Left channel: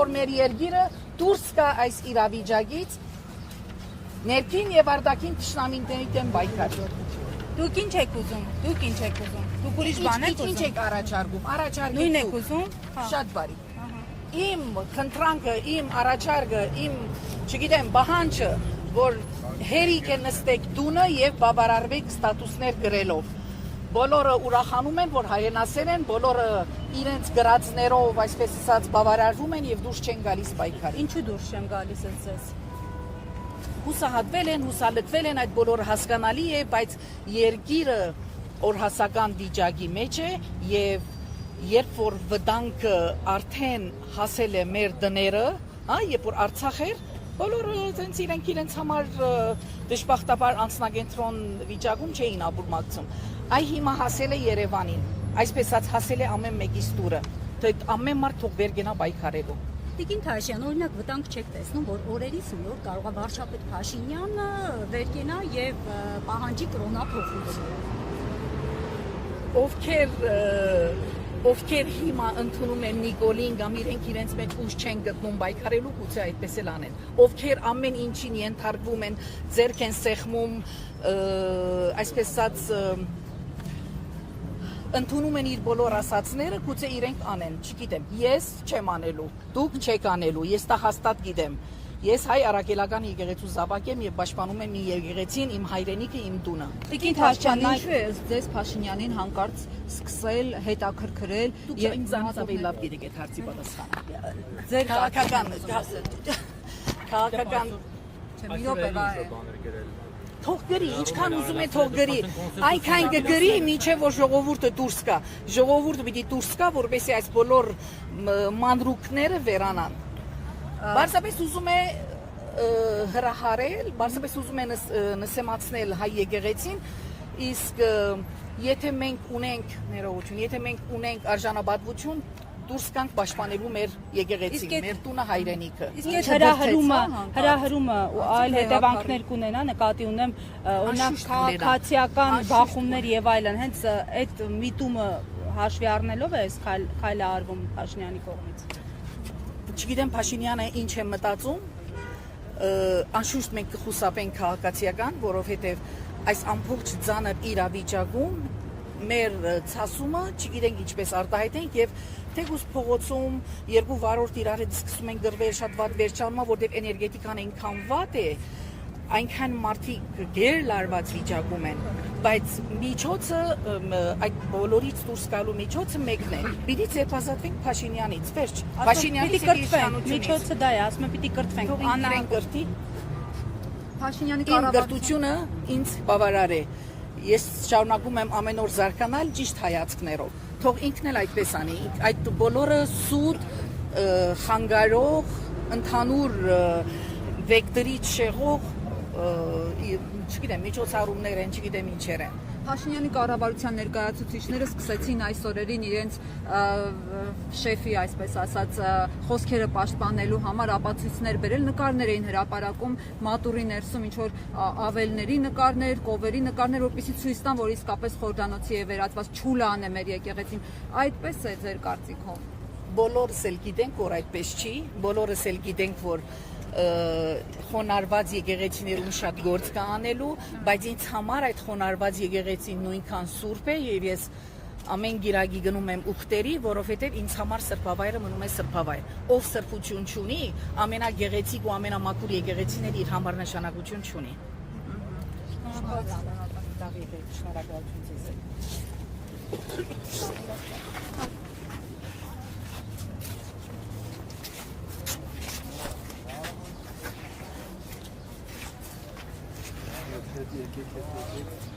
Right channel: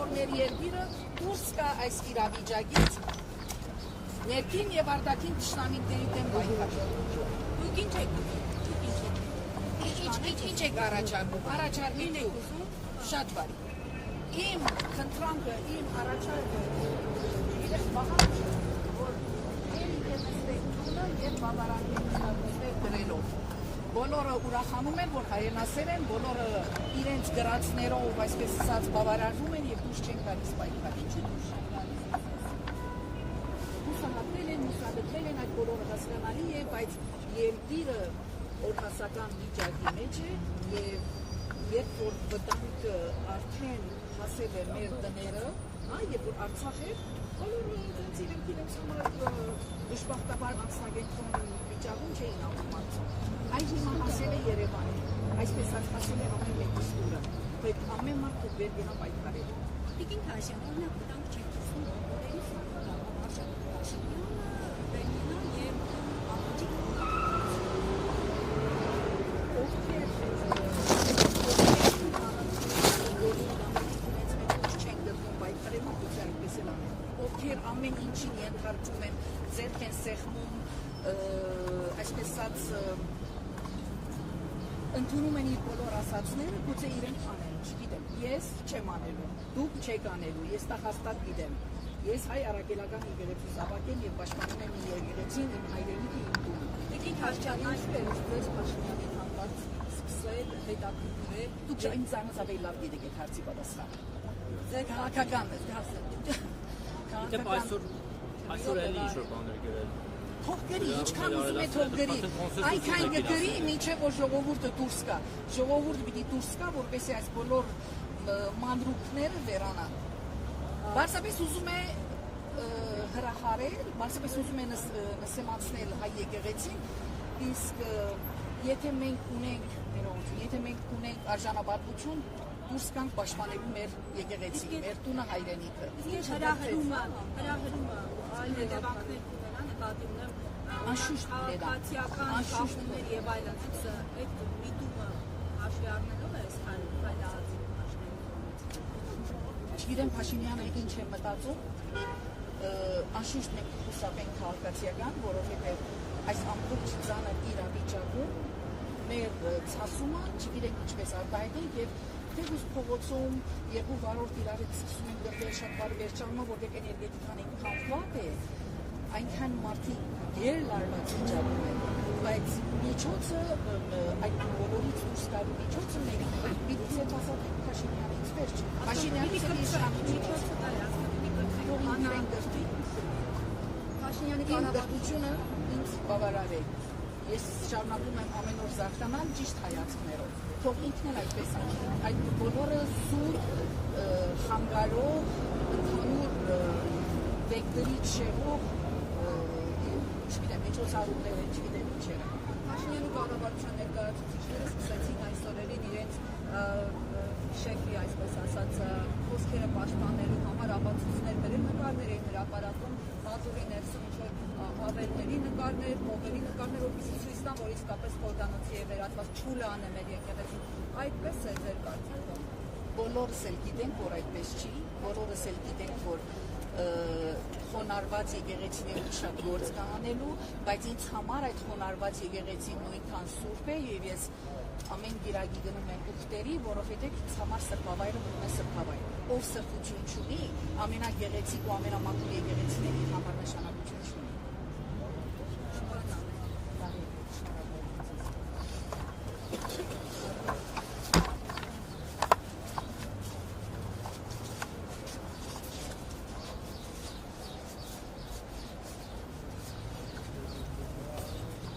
որ մեր երկիրը դուրս գա այս իրավիճակից, ներքին եւ արտաքին թշնամիների դեմ պայքարի։ Դուք ինչ եք ուզում։ Դուք ուրիշ բան եք ուզում։ Ինչ եք առաջարկում։ Նույն եք ուզում։ Շատ բարի։ Իմ խնդրանքը, իմ առաջարկը, իմ, չգիտեմ, պահանջը, որ հերիք է նստեք տունը եւ բավարարվեք ստատուսներ գրելով։ Բոլորը ուրախանում են, որ հայրենասեր են, բոլորը իրենց գրածներով, այսպես ասած, բավարարվում են եւ դուրս չեն գալիս պայքարի։ Ինչու դուրս չեմ գալիս ես։ Հուսահատվել են, հուսալքվել են, այդ բոլորը հասկանալի է, բայց երկիրը օրհասական վիճակի մեջ է եւ երբ որ վտանգը արդեն հասել է մեր դները, երբ որ Արցախ էր, բոլորը իրենց համար դժբախտաբար անձնագենտրոն վիճակում չէին ապուրմակցում։ Այ հիմա հասել է Երևանին, այսպես ասած հասել է ամեն մեկիս տուրը, թե ամեն մարդ թող վեր գնա պայքարելու։ Տիկին Թաշյան, օրինակ վտանգ չեք տեսնում, որ օրերից որ կարող է վարչապետ Փաշինյանը վեր գնա եւ պահանջի կրոնափոխություն։ Ովքեր հիմա ընդունում են Նիկոլին կամ իրենց մեջ ուժ չեն գտնում պայքարելու, գուցե այդպես էլ անեն։ Ովքեր ամեն ինչին ենթարկվում են, ձեռք են սեղմում, այսպես ասած ընդունում են իր բոլոր ասածները, գուցե իրենք անեն, չգիտեմ, ես չեմ անելու, դուք չեք անելու, ես դա հաստատ գիտեմ։ Ես հայ առաքելական եկեղեցու զավակ եմ եւ պաշտպանում եմ իմ եկեղեցին, իմ հայրենիքը, իմ տունը։ Տիկին Թաշյան, ինչու է ձեզ Փաշինյանին հանկարծ սկսել հետաքրքրել եւ ինձանից ավելի լավ գիտեք այդ հարցի պատասխանը։ Ձեր քաղաքական թող գրի, ինչքան ուզում է թող գրի, այնքան կգրի, մինչև որ ժողովուրդը դուրս գա։ Ժողովուրդը պիտի դուրս գա, որպեսզի այս բոլոր մանրուքները վերանան։ Բարձրապես ուզում է հրահարել, բարձրապես ուզում է նսեմացնել հայ եկեղեցին, իսկ եթե մենք ունենք ներողություն, եթե մենք ունենք արժանապատվություն, դուրս գանք պաշտպանելու մեր եկեղեցին, մեր տունը, հայրենիքը։ Իսկ հրահրումը այլ հետևանքներ կունենա, նկատի ունեմ օրինակ քաղաքացիական բախումներ եւ այլն, հենց այդ միտումը հաշվի առնելով է այս քայլը արվում Փաշինյանի կողմից։ Չգիտեմ Փաշինյանը ինչ է մտածում, անշուշտ մենք կխուսափենք քաղաքացիական, որովհետեւ այս ամբողջ ծանր իրավիճակում մեր ցասումը, չգիտենք ինչպես արտահայտենք եւ թեկուզ փողոցում երկու վարորդ իրար հետ սկսում են գրվել շատ վատ վերջանումա, որտեղ էներգետիկան այնքան վատ է, այնքան մարդիկ գերլարված վիճակում են, բայց միջոցը այդ բոլորից դուրս գալու միջոցը մեկն է։ Պիտի ձերբազատվենք Փաշինյանից, վերջ։ Փաշինյանից կրթվենք, միջոցը դա է, ասում եմ պիտի կրթվենք։ Աննան կրթի։ Փաշինյանի կառավարությունը ինձ բավարար է։ Ես շարունակում եմ ամեն օր զարգանալ ճիշտ հայացքներով։ Թող ինքն էլ այդպես անի, այդ բոլորը սուտ, խանգարող, ընդհանուր վեկտորից շեղող, չգիտեմ, միջոցառումներ են, չգիտեմ ինչեր են։ Փաշինյանի կառավարության ներկայացուցիչները սկսեցին այս օրերին իրենց շեֆի, այսպես ասած, խոսքերը պաշտպանելու համար ապացույցներ բերել, նկարներ էին հրապարակում մատուրի ներսում, ինչ որ ավելների նկարներ, կովերի նկարներ, որպեսզի ցույց տան, որ իսկապես խորհրդանոցի է վերածված, չուլան է մեր եկեղեցին։ Այդպես է ձեր կարծիքով։ Բոլորս էլ գիտենք, որ այդպես չի, բոլորս էլ գիտենք, որ խոնարհված եկեղեցիներում շատ գործ կա անելու, բայց ինձ համար այդ խոնարհված եկեղեցին նույնքան սուրբ է եւ ես ամեն գիրագի գնում եմ ուխտերի, որովհետեւ ինձ համար սրբավայրը մնում է սրբավայր։ Ով սրբություն չունի, ամենագեղեցիկ ու ամենամաքուր եկեղեցին էլ իր համար նշանակություն չունի։ Thank you.